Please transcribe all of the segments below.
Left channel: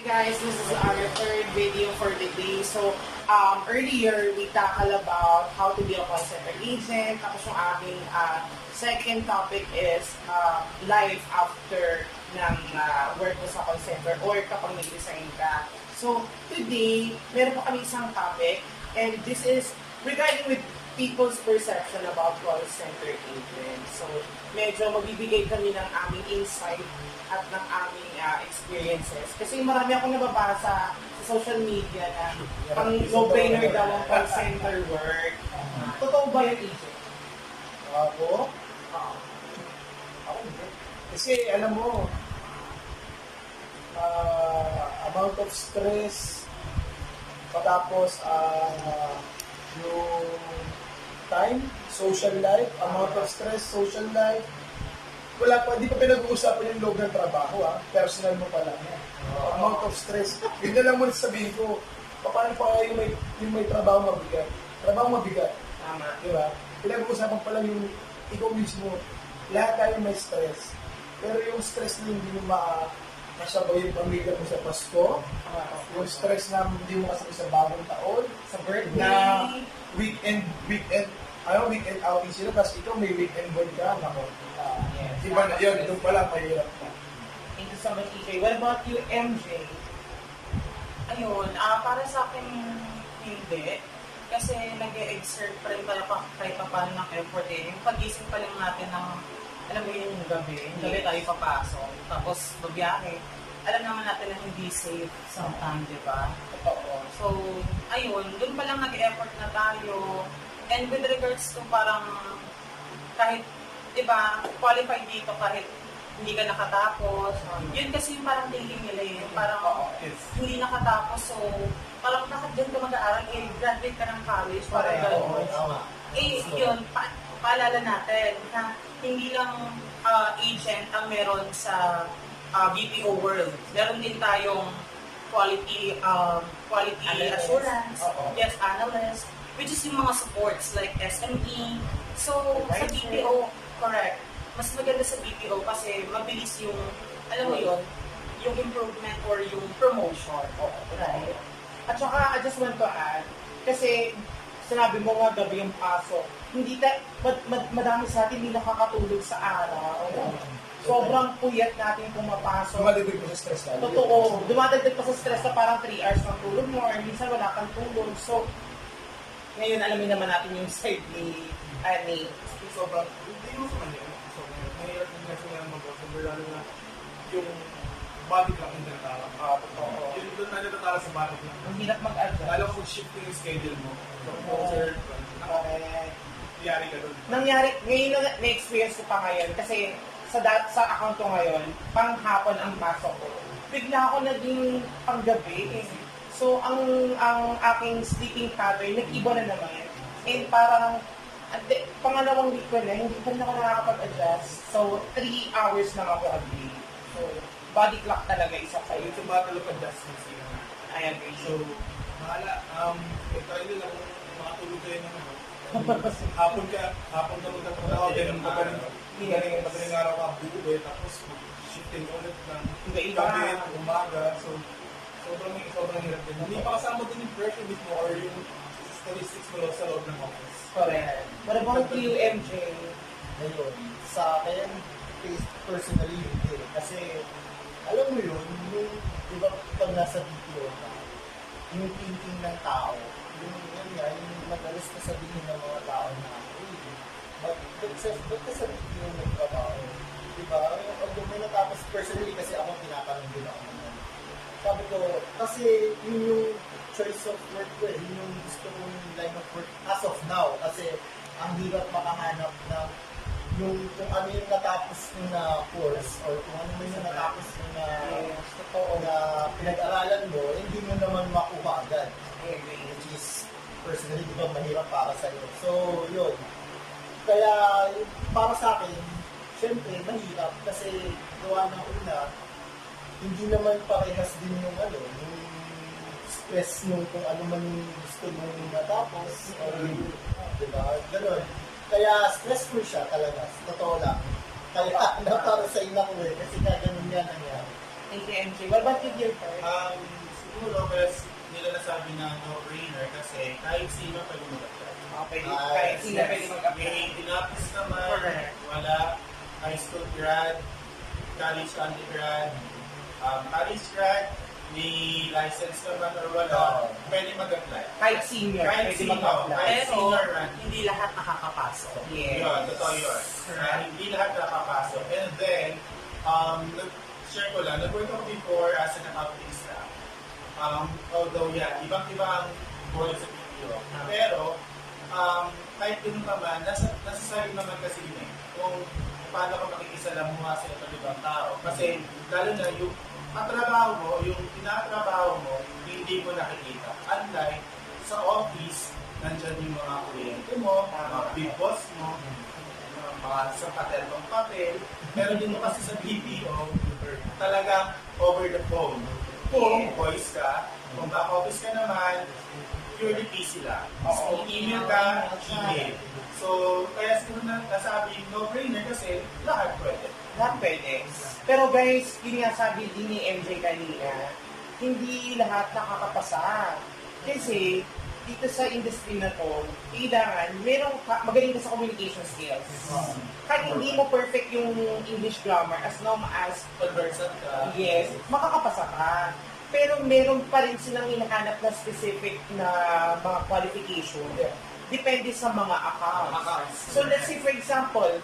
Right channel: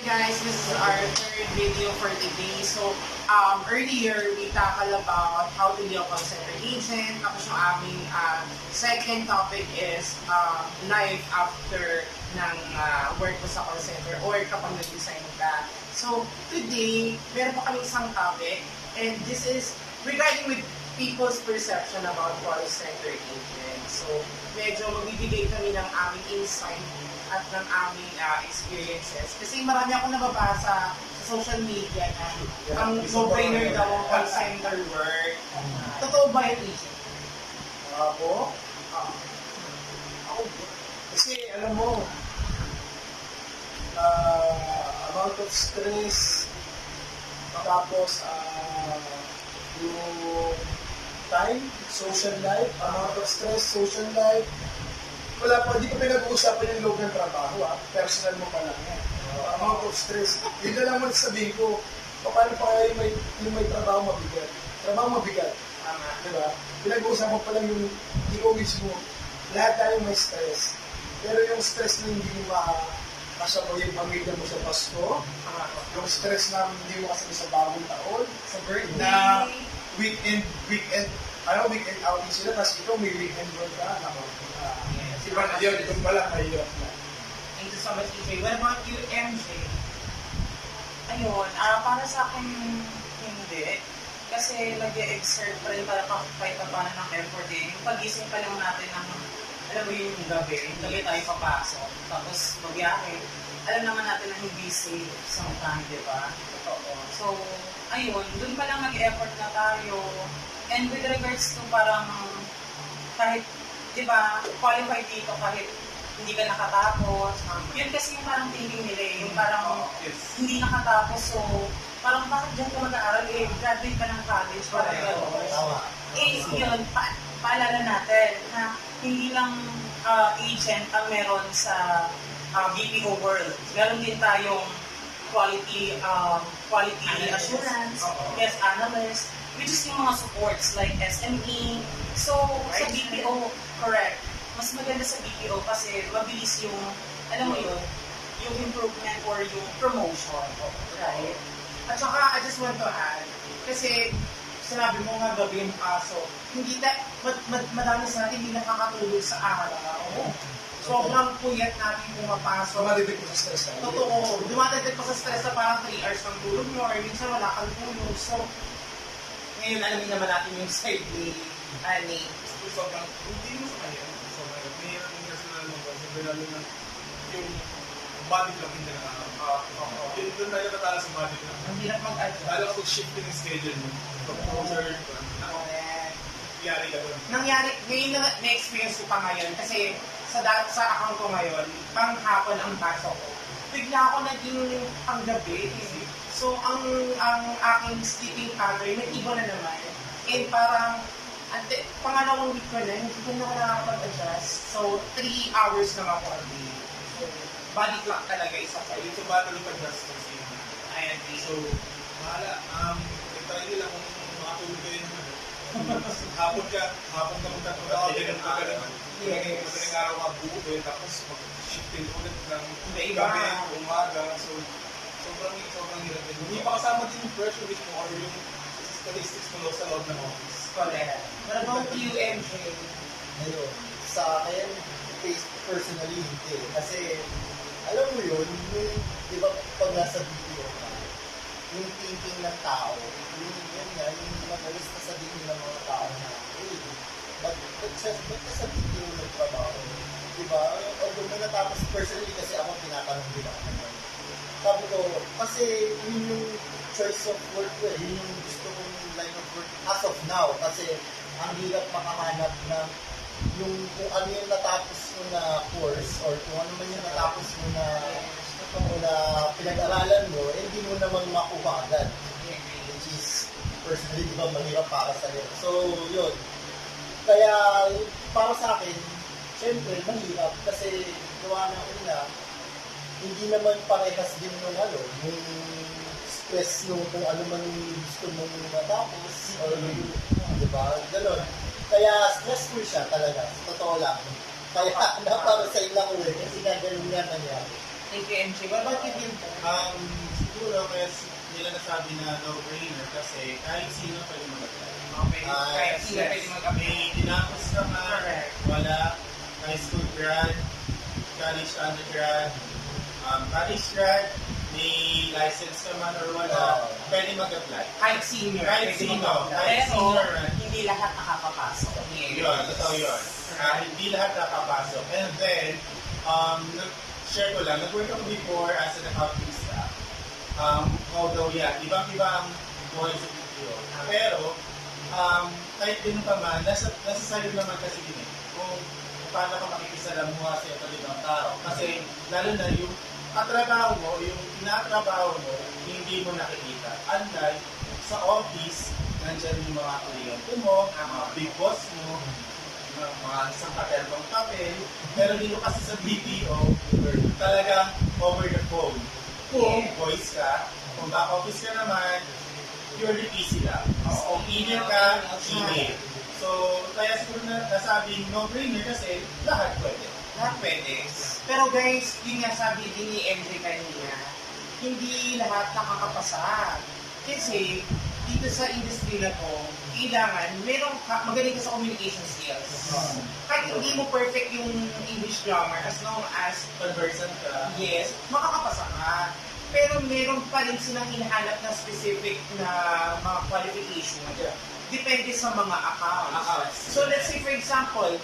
Guys, this is our third video for the day. So, earlier we tackled about how to be a call center agent. Tapos yung aming second topic is life after ng work mo sa call center or kapag nag-resign ka. So, today, meron pa kami isang topic and this is regarding with people's perception about call center agent. So, medyo magbibigay kami ng aming insight at ng aming experiences. Kasi marami akong nababasa sa social media na ang no-brainer daw ang call center work. Totoo ba yung agent? Ako? Ako, kasi alam mo, amount of stress, tapos yung time, social life, amount of stress, social life, wala pa, hindi ko pinag-uusapan yung loob ng trabaho, personal mo pa lang yan. Amount of stress. Yun na lang mo sabihin ko, paano pa yung may trabaho mabigat? Trabaho mabigat. Tama. Diba? Pinag-uusapan pa lang yung ikaw mismo, lahat tayo may stress. Pero yung stress na hindi mo makasabaw yung pamilya mo sa Pasko, yung stress na hindi mo kasabi sa bagong taon, Sa birthday. na weekend outing sila, tapos ikaw may weekend doon ka, nako. Yes. Iba na yun, doon pala, mahirap na. Thank you so much, EJ. What about you, MJ? Ayun, para sa akin, hindi. Kasi nag-e-exert pa rin para kahit pa paano ng effort eh. Yung pag-ising pa lang natin ng, alam mo yung gabi tayo papasok, tapos babiyahe. Alam naman natin na hindi safe sometimes, di ba? Totoo. So, ayun, dun pa lang nag-effort na tayo. And with regards to parang, kahit, di ba, qualified dito kahit hindi ka nakatapos. Yun kasi yung parang thinking nila eh. Yung parang hindi nakatapos. So, parang bakit dyan ka mag-aaral? Eh, graduate ka ng college. Parang gano'n. Eh, yun, paalala natin na hindi lang agent ang meron sa BPO world. Meron din tayong quality assurance, yes, analyst, which is yung mga supports like SME. So, sa BPO, correct. Mas maganda sa BPO kasi mabilis yung, alam mo yun, yung improvement or yung promotion. Right? At saka, I just want to add, kasi sinabi mo nga gabi yung pasok, hindi madami sa atin hindi nakakatulog sa araw. Sobrang puyat natin pumapasok. Dumadagdag mo sa stress tayo. Totoo. Dumadagdag pa sa stress na parang 3 hours ng tulog mo or minsan wala kang tulog. So, ngayon alamin naman natin yung side ni Annie. Sobrang, hindi mo sa kanya, sobrang mahirap yung national mag-consider, lalo na yung body clock hindi nakakap. Yung doon tayo natatala sa body clock. Ang hirap mag-adjust. Lalo kung shifting yung schedule mo. So, concert, nangyari ka doon. Nangyari, ngayon na-experience ko pa ngayon kasi sa account ko ngayon, pang hapon ang pasok ko. Bigla ako naging panggabi. So, ang aking sleeping pattern, nag-iba na naman. And parang, pangalawang week ko na, hindi ko na nakakapag-adjust. So, 3 hours lang ako a day. So, body clock talaga isa kayo. Yung sa battle of adjustments yun. I agree. So, mahala, try nila kung makatulog kayo ng hapon ka magtatrabaho, ganun ka naman. Madaling araw ka buo tapos mag-shifting ulit ng gabi, umaga. So, sobrang hirap din. Hindi pa kasama din yung pressure mismo or yung statistics mo sa loob ng office. Correct. What about you, MJ? Ngayon, sa akin, personally, hindi. Kasi, alam mo yun, yung, di ba, pag nasa BPO ka, yung thinking ng tao, yung madalas na sabihin ng mga tao na, ba't ka sa BPO nagtrabaho? Di ba? Although may natapos personally kasi ako tinatanong din ako naman. Sabi ko, kasi yun yung choice of work ko eh. Yun yung gusto kong line of work as of now. Kasi ang hirap makahanap ng yung kung ano yung natapos mo na course or kung ano man yung natapos mo na na pinag-aralan mo, hindi mo naman makuha agad. Which is, personally, di ba, mahirap para sa'yo. So, yun. Kaya, para sa akin, syempre, mahirap kasi gawa ng una, hindi naman parehas din yung yung stress nung kung ano man yung gusto mong matapos or di ba? Ganon. Kaya stressful siya talaga. Totoo lang. Kaya na para sa ina ko kasi na ganun nga nangyari. Thank you, MJ. What about you, Gilbert? Siguro kaya nila nasabi na no-brainer kasi kahit sino pwede mag-apply. Okay, kahit sila pwede mag-apply. May tinapos ka man, Correct. wala, high school grad, college undergrad, college grad, may license ka man or wala, pwede mag-apply. Kahit senior, Kahit pwede sino, mag-apply. kahit Pero, senior man. hindi lahat nakakapasok. Yes. Yun, totoo yun. Hindi lahat nakapasok. And then, share ko lang, nag-work ako before as an accounting staff. Although, yeah, ibang-iba ang buhay sa video. Pero, kahit ganun pa man, nasa sarili naman kasi din eh. Kung paano ka makikisalamuha sa itong ibang tao. Kasi, lalo na yung katrabaho mo, yung tinatrabaho mo, hindi mo nakikita. Unlike sa office, nandyan yung mga kliyente mo, mga big boss mo, mga isang paterong papel. Pero dito kasi sa BPO, talagang over the phone. Kung voice ka, kung back office ka naman, purely PC lang. Kung email ka, email. So, kaya siguro na nasabing no-brainer kasi lahat pwede. Lahat pwede. Pero guys, yun nga sabi din ni MJ kanina, hindi lahat nakakapasa. Kasi, dito sa industry na to, kailangan, magaling ka sa communication skills. Kahit hindi mo perfect yung English grammar, as long as, Conversant ka. yes, makakapasa ka. Pero meron pa rin silang hinahanap na specific na mga qualification. Depende sa mga accounts. So let's say for example,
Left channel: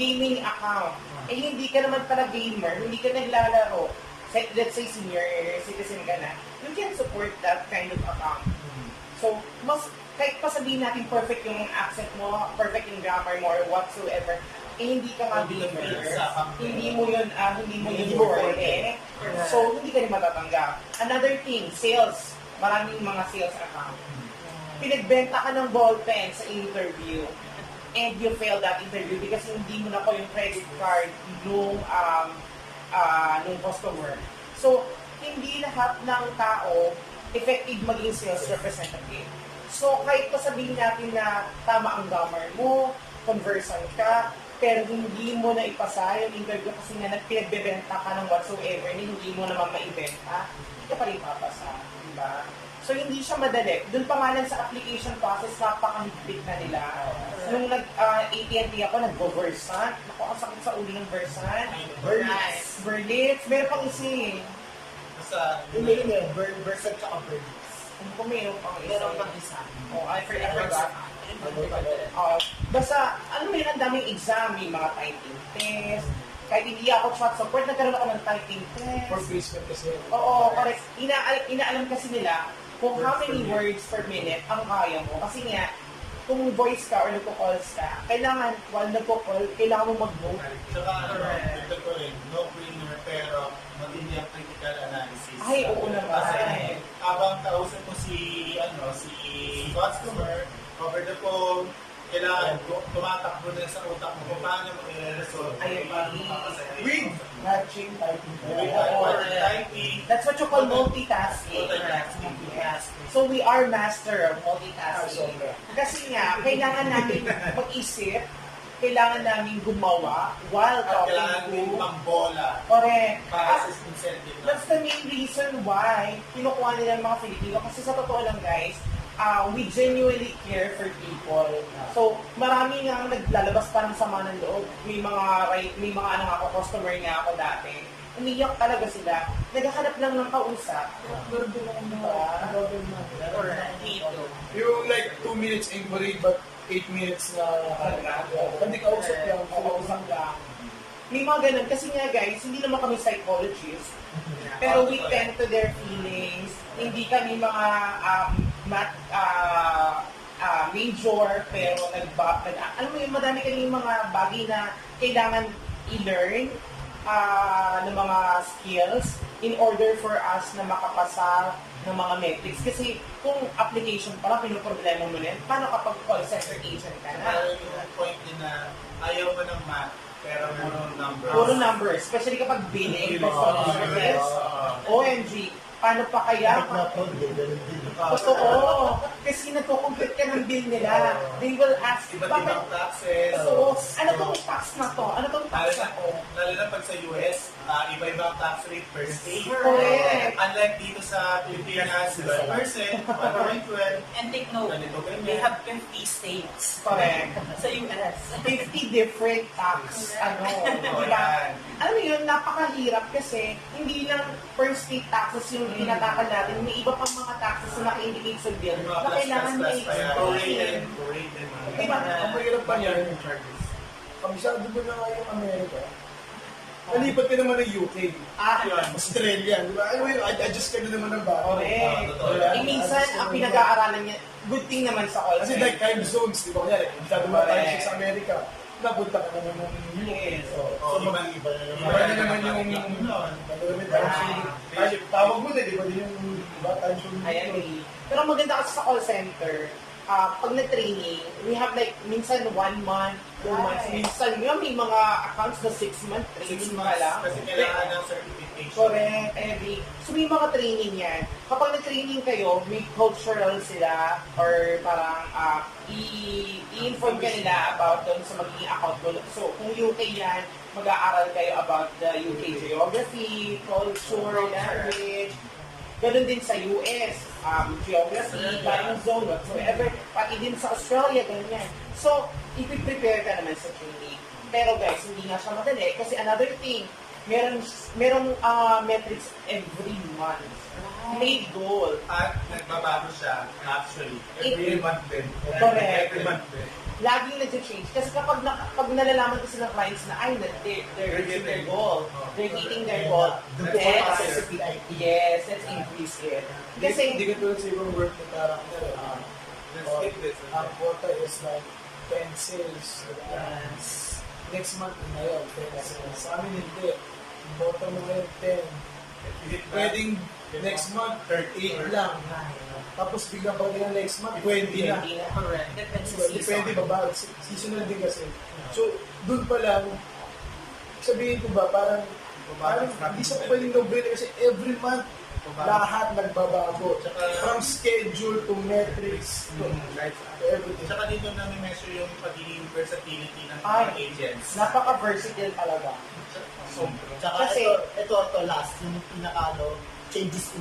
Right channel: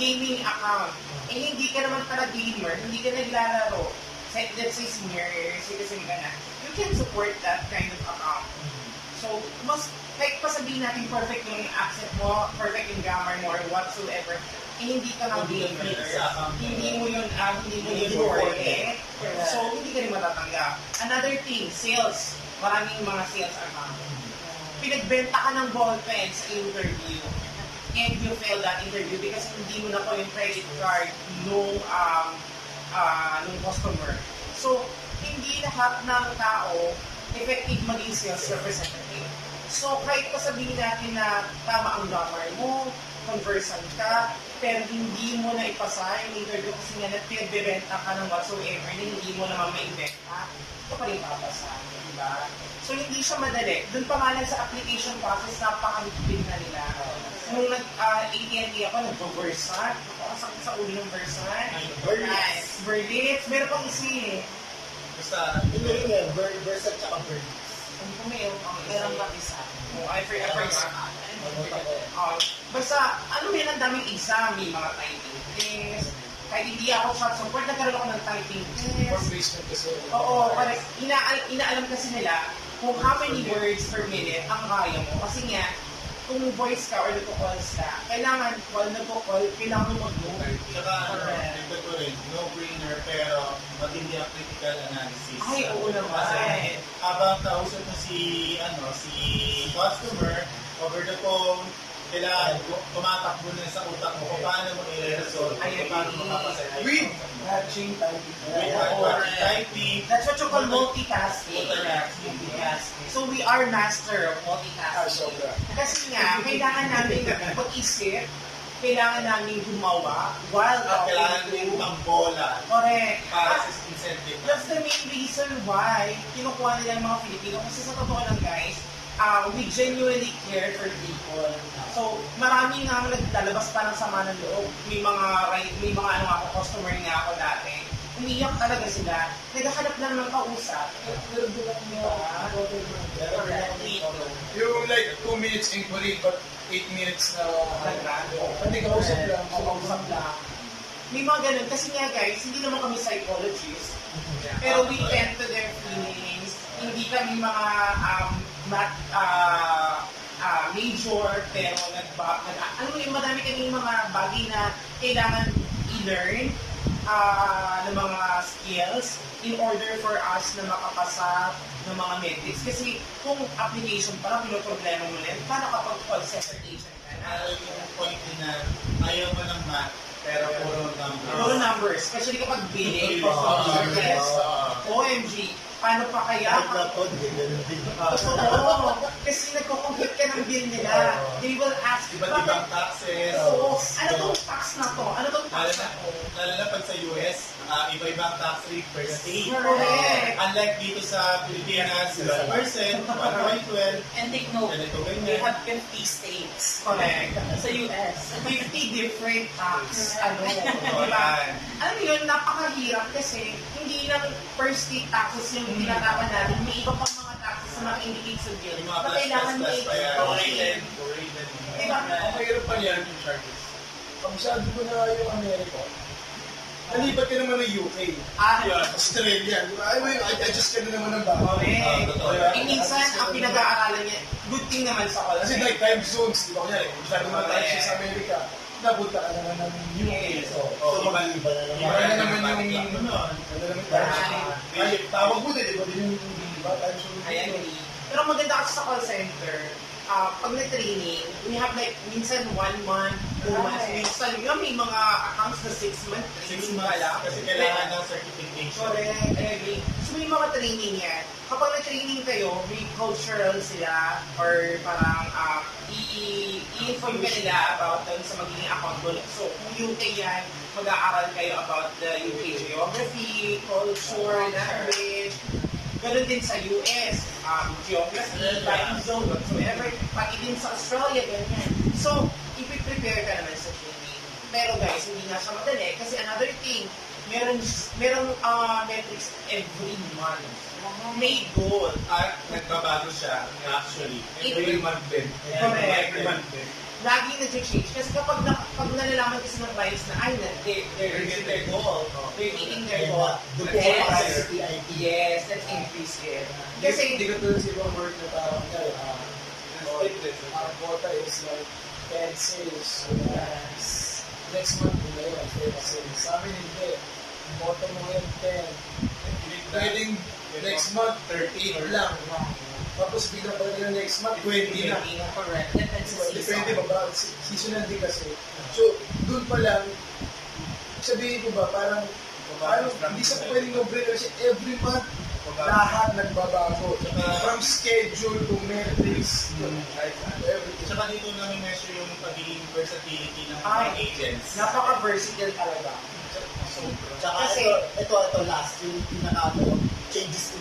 gaming account. Eh hindi ka naman pala gamer, hindi ka naglalaro. Let's say senior citizen ka na. You can support that kind of account. So, kahit pa sabihin natin perfect yung accent mo, perfect yung grammar mo, or whatsoever, eh hindi ka nga gamer, hindi mo yun worth. So, hindi ka rin matatanggap. Another thing, sales. Maraming mga sales account. Pinagbenta ka ng ballpen sa interview and you fail that interview because hindi mo na ko yung credit card nung customer. So, hindi lahat ng tao effective maging sales representative. So, kahit pa sabihin natin na tama ang grammar mo, conversant ka, pero hindi mo na ipasa yung interview kasi nga nagpinagbebenta ka ng whatsoever na hindi mo naman maibenta, ito pa rin papasa. Diba? So, hindi siya madali. Doon pa nga lang sa application process, napakahigpit na nila. Nung nag-AT&T ako, nag-Versant. Ako, ang sakit sa uli ng Versant. Berlitz. Meron pang isa eh. Basta, Hindi yun, Versa tsaka Berlitz. Ano ko meron pang isa? Meron pang isa. Oh, I forgot. Ano Basta, ano yun, ang daming exam, may mga typing test. Kahit hindi ako chat support, nagkaroon ako ng typing For test. basement kasi. Oo, correct. Inaalam kasi nila kung how many words per minute ang kaya mo. Kasi nga, kung voice ka or nagko-calls ka, kailangan, while nagko-call, kailangan mo mag-note. Tsaka, ito ko rin, no-brainer, pero matindi ang critical analysis. Ay, oo naman. Kasi, habang kausap mo si customer, over the phone, kailangan tumatakbo na sa utak mo kung paano mo i-resolve. Ay, Paano mo mapasay. With matching typing. With typing. That's what you call multitasking. Multitasking. So we are master of multitasking. Sobra. Kasi nga, kailangan namin mag-isip, kailangan namin gumawa while Kailangan talking din to. pang bola Correct. para sa incentive. That's the main reason why kinukuha nila ng mga Filipino. Kasi sa totoo lang guys, we genuinely care for people. So, marami nga naglalabas pa ng sama ng loob. May mga customer nga ako dati. Umiyak talaga sila. Naghahanap lang ng kausap. Meron din ako Correct. yung like 2 minutes inquiry but 8 minutes na hindi ka usap lang. Kausap lang. May mga ganun. Kasi nga guys, hindi naman kami psychologists. Pero we tend to their feelings. Hindi kami mga major, pero alam mo yung madami kami mga bagay na kailangan i-learn ng mga skills in order for us na makapasa ng mga metrics. Kasi kung application pa lang, pinoproblema mo rin, paano kapag call center agent ka na? Yung point din na ayaw mo ng math, pero puro numbers. Puro numbers, especially kapag billing, customer service. OMG, paano pa kaya? Kahit na po, ganun din. Totoo. Kasi nagko-complete ka ng bill nila. They will ask, Iba't ibang taxes. Oo, ano tong tax na to? Ano tong tax na to? Lalo na pag sa US, iba-iba ang tax rate per state. Correct. Unlike dito sa Pilipinas, 12%, 1.12, And take note, ganito, ganyan. they have 50 states Correct. sa US. 50 different tax, Oo, diba? yan. Alam mo yun, napakahirap kasi hindi lang per state taxes yung tinatakan natin. May iba pang mga taxes na naka-indicate sa bill Yung mga na kailangan plus may pa yan. explain. Prorated. Diba? Ang mahirap pa yan, yung charges. Kabisado mo na nga yung Amerika. Nalipat ka naman ng UK. Yan. Australia. Di ba? Ay, adjust ka na naman ng bago. Correct. totoo. Eh, minsan, ang pinag-aaralan niya, good thing naman sa call Kasi like time zones, di ba? Kaya, masyado mga time siya sa Amerika. Napunta ka naman ng UK. So, Iba na naman. iba na naman yung... Ano nun? Iba na naman yung time zone. Ay, tawag mo na, di ba? Yung time zone. I agree. Pero maganda kasi sa call center, pag na-training, we have like, minsan 1 month, 2 months, Right. minsan yun, may mga accounts na 6 months, 6 training months. ka lang. Kasi kailangan ng certification. Correct, I agree. So may mga training yan. Kapag na-training kayo, may cultural sila or parang i-inform ka nila about doon sa magiging account goal. So kung UK yan, mag-aaral kayo about the UK geography, culture, language. Ganun din sa US, geography, time zone, whatsoever. Pati din sa Australia, ganyan. So, ipiprepare ka naman sa training. Pero guys, hindi nga siya madali. Kasi another thing, merong metrics every month. May goal. At nagbabago siya, actually. Every month din. Correct. Every month din. Laging nag-change. Kasi pag nalalaman kasi ng clients na, ay, they're reaching their goal. They're hitting their goal. Doon po Yes. para sa PIP. Yes, let's increase it. Kasi, Hindi ko tulad sa ibang work na parang, Let's ang quota is like 10 sales. Next month na yun, 10 sales. Sa amin hindi. Ang quota mo ngayon 10. Pwedeng next month, 38 lang. Tapos biglang pag next month, 20 na. correct. Depends sa Depende season. ba ba? Seasonal din kasi. So, doon pa lang, sabihin ko ba, parang hindi sa pwedeng no-brainer kasi every month, lahat nagbabago. From schedule to metrics to everything. Tsaka dito namin measure yung pagiging versatility ng Ay. mga agents. Napaka-versatile talaga. Sobra. Tsaka Kasi- ito last, yung pinaka changes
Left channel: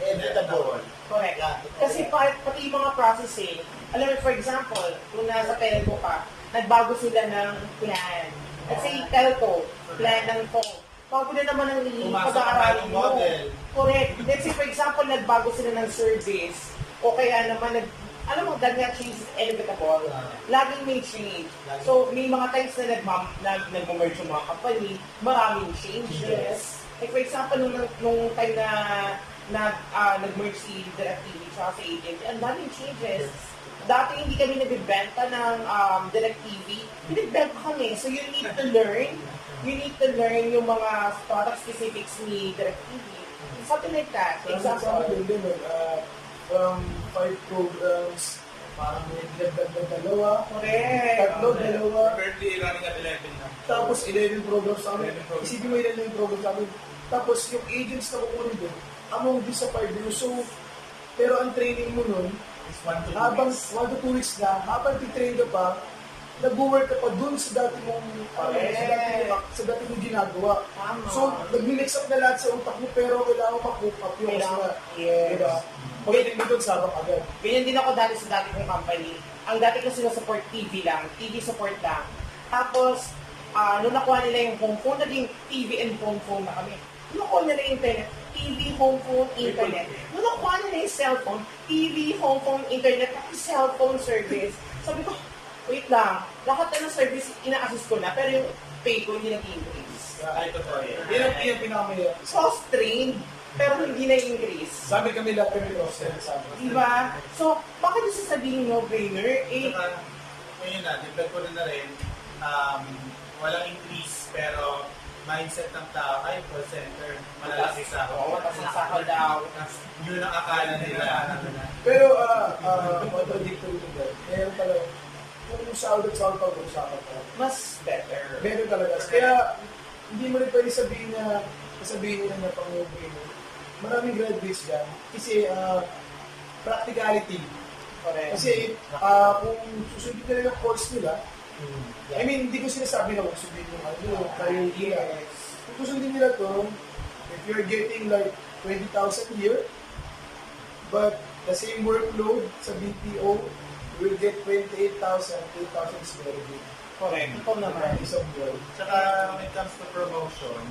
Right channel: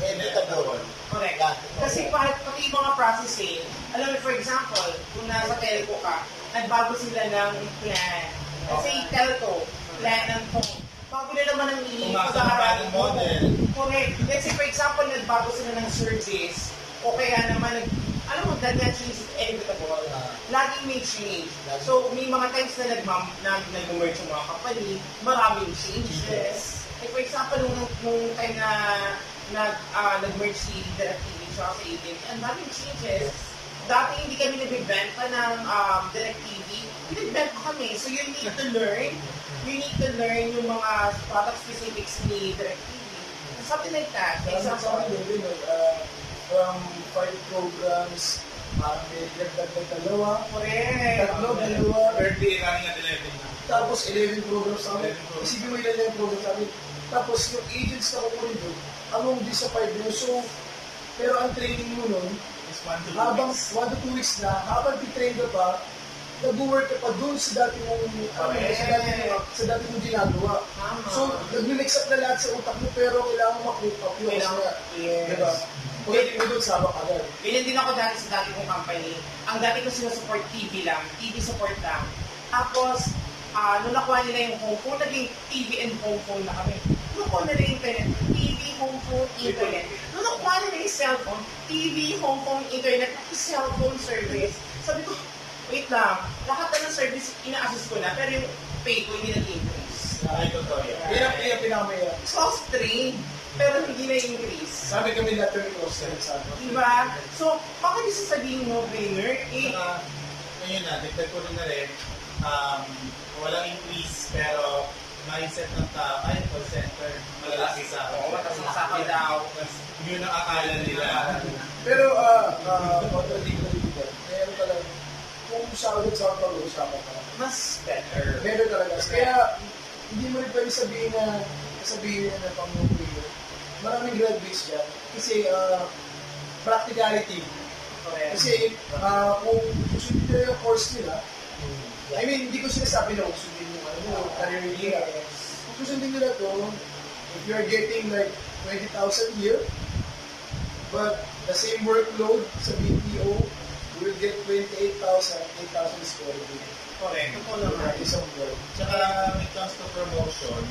inevitable. Correct. Lahat. Kasi pati yung mga processing, alam mo, for example, kung nasa telco ka, nagbago sila ng plan. Kasi telco, plan ng phone. Bago na naman ang Pumasok ang bagong model. Correct. Let's say, for example, nagbago sila ng service, o kaya naman, alam mo, ganyan change is inevitable. Laging may change. So, may mga times na nag-merge yung mga company, maraming changes. Like, for example, nung time na nag-merge si DirecTV tsaka sa AT&T, ang daming changes. Dati hindi kami nagbibenta ng DirecTV, binagbenta kami. So, you need to learn. You need to learn yung mga product specifics ni DirecTV. Something like that. Sa Example. amin din, from 5 programs, parang may dagdag ng dalawa, Correct. tatlo, dalawa, Birthday running at 11 na. tapos 11 programs namin. 11 programs. Isipin mo ilan na yung programs namin. Tapos yung agents na kukunin doon, among this sa 5 years. So, pero ang training mo nun, Is 1 to 2 habang weeks. 1 to 2 weeks na, habang titrain ka pa, nag-work ka pa doon sa dati mong, sa dati mong ginagawa. Tama. So, nag-mix up na lahat sa utak mo, pero kailangan ma-cook up yung Kailangan- na. yes. Diba? Pagdating mo doon, sabak agad. Ganyan din ako dati sa dati kong company. Ang dati ko sinusupport TV lang, TV support lang. Tapos, nung nakuha nila yung home phone, naging TV and home phone na kami. Nung nakuha nila yung internet, TV, home phone, internet. Nung nakuha nila yung cellphone, TV, home phone, internet, pati cellphone service. Sabi ko, wait lang, lahat na ng service ina-assist ko na, pero yung pay ko hindi nag-increase. Ay, totoo yan. Yan ang pinakamaya. So, I was trained, pero hindi na-increase. Sabi kami lahat kami cross-sell sa amin. Diba? So, baka di sasabihin no-brainer, Saka, ngayon na, dagdag ko rin na rin, walang increase, pero mindset ng tao, ay, call center, malalaki sa Oo, mataas na sakaw daw. Yun ang akala nila. Pero, contradictory to that. Meron talaga, kung sahod at sahod pag-uusapan ka, Mas better. meron talaga. Kaya, hindi mo rin pwede sabihin na pang-okay. Maraming graduates dyan. Kasi, practicality. Correct. Kasi, kung susundin nila yung course nila, I mean, hindi ko sinasabi na kung sundin yung career nila. susundin nila to, if you're getting like 20,000 a year, but the same workload sa BPO, you will get 28,000, 8,000 is very good. Correct. Totoo naman. Isang work. Tsaka when it comes to promotion,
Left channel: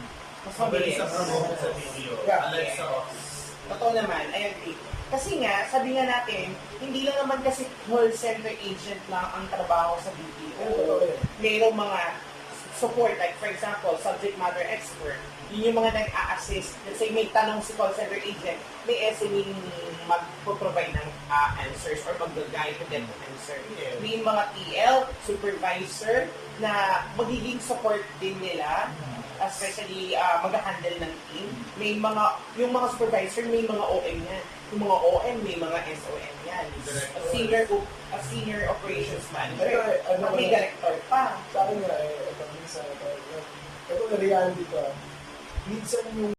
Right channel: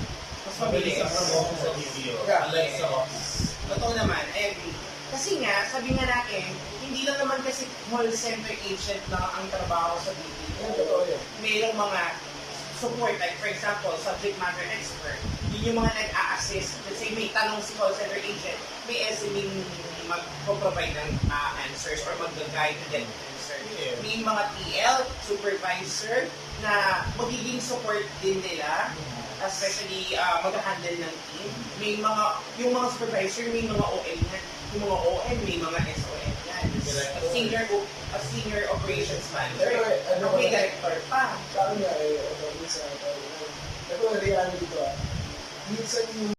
Mas mabilis mabilis. ang promotion sa video. Yeah. Unlike sa office. Totoo naman, I agree. Kasi nga, sabi nga natin, hindi lang naman kasi call center agent lang ang trabaho sa BPO. Yan, totoo yan. Mayroong mga support, like for example, subject matter expert. Yun yung mga nag-a-assist. Let's say may tanong si call center agent, may SME mag-provide ng answers or mag-guide to them answer. Yeah. May mga TL, supervisor, na magiging support din nila, especially mag-handle ng team. May mga, yung mga supervisor, may mga OM yan. Yung mga OM, may mga SOM yan. A senior operations manager. Pero, ano May ba- director pa. Sa akin nga, ito, minsan, ito, reality to, minsan yung